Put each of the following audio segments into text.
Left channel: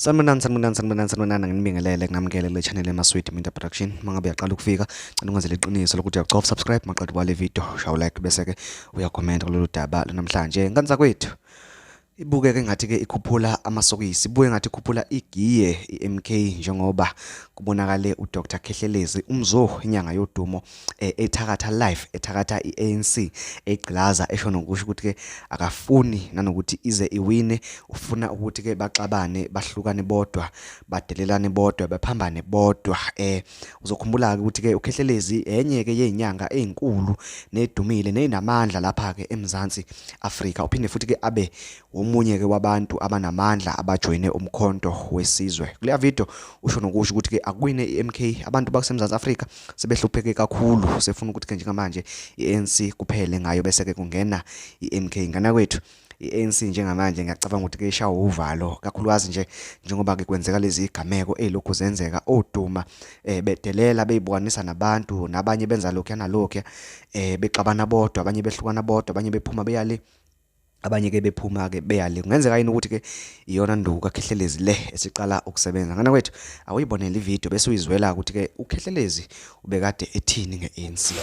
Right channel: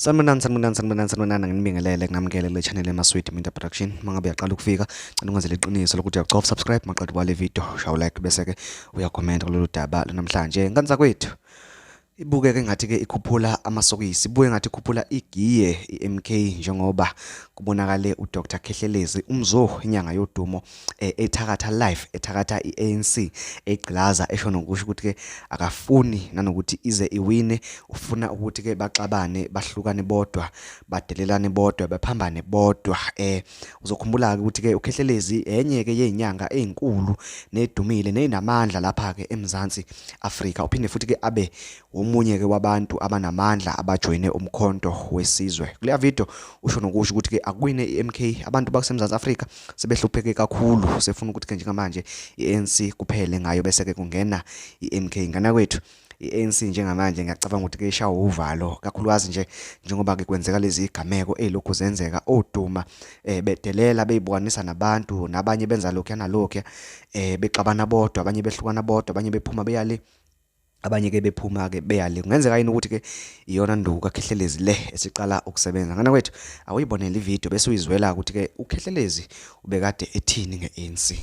Sanibonani nginibingelele kunamukele kule channel emaswidi Minta Production. Mangabe uyaqala ukufika, cela ungazele iqiniso lokuthi uyacofa subscribe maqedwe kwale video, shawu like bese ke uyacomment kulolu daba namhlanje. Nkanza kwethu ibukeke ngathi ke ikhuphula amasokisi, ibuye ngathi ikhuphula igiye iMK njengoba kubonakale uDr Khehlelezi umzo inyanga yodumo ethakatha live ethakatha i-ANC egqilaza esho nokusho ukuthi ke akafuni nanokuthi ize iwine, ufuna ukuthi ke baxabane bahlukane bodwa badelelane bodwa baphambane bodwa. Uzokhumbula ke ukuthi ke uKhehlelezi enye ke yezinyanga ezinkulu nedumile nenamandla lapha ke eMzansi Afrika, uphinde futhi ke abe omunye ke wabantu abanamandla abajoyine umkhonto wesizwe. Kule video usho nokusho ukuthi ke akwine iMK, abantu bakuseMzansi Afrika sebehlupheke kakhulu, sefuna ukuthi ke njengamanje iANC kuphele ngayo bese ke kungena iMK. Ngana kwethu iANC njengamanje ngiyacabanga ukuthi ke ishawa uvalo kakhulukazi nje njengoba ke kwenzeka lezi igameko ezilokhu zenzeka, oduma bedelela beyibukanisa nabantu, nabanye benza lokho nalokho, bexabana bodwa, abanye behlukana bodwa, abanye bephuma beyale, abanye ke bephuma ke beyale. Kungenzeka yini ukuthi ke iyona nduku kaKhehlelezi le esiqala ukusebenza? Ngana kwethu awuyibonela ivideo bese uyizwela ukuthi ke uKhehlelezi ubekade ethini ngeANC.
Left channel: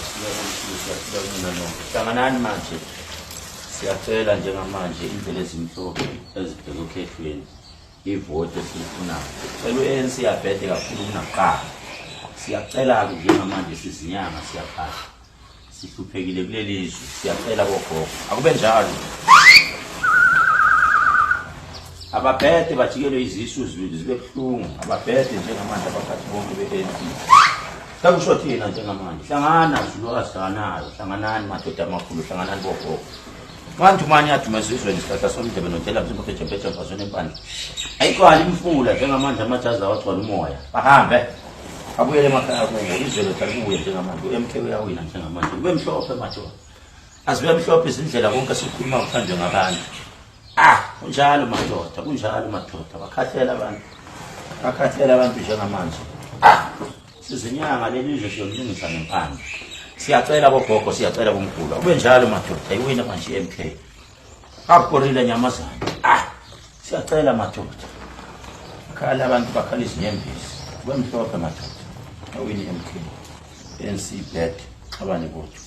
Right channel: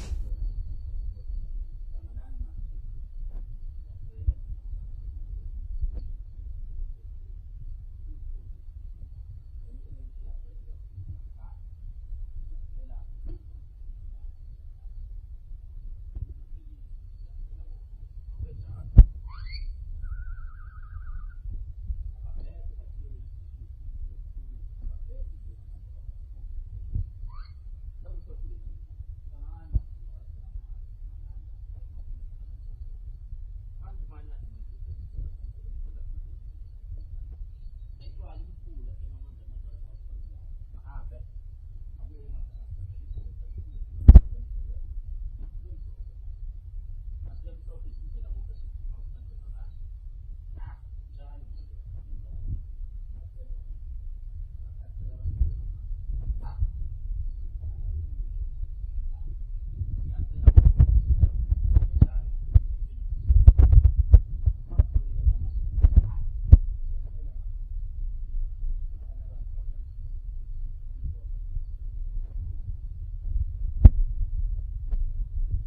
Hlanganani manje, siyacela njengamanje indlela ezimhlophe ezibheke ukhehlweni ivote esifunayo. Cela uANC yabhede kakhulu kunakuqala. Siyacela ke njengamanje sizinyanga siyaphatha, sihluphekile kuleli izwe, siyacela bogogo akube njalo. Ababhede bajikelwe izisu zibe buhlungu, ababhede njengamanje abaphathi bonke beANC. Kakusho thina njengamanje, hlangana zulukazi, hlanganani madoda amakhulu, hlanganani bogogo. Manje manje yathumeza izweni isihlohla somdebe notela mzimba phetshe mfazweni empandla. Ayiqali imfula njengamanje amajazi awagcwala umoya. Bahambe abuyele emakhaya kuwo, izwe lokubuye njengamanje uMK uyawina njengamanje. Kube mhlophe madoda, azibe mhlophe izindlela konke sikhuluma ukuthandwe ngabantu. Kunjalo madoda, kunjalo madoda, bakhathela abantu njengamanje. Sizinyanga leli izwe siyolungisa ngempande. Siyacela bogogo, siyacela bomkhulu kube njalo madoda, ayiwina manje iMK. Akukorile nyamazana. Siyacela madoda, khala abantu bakhala izinyembezi, kube mhlophe madoda, awini iMK. ANC bad abane bodwa.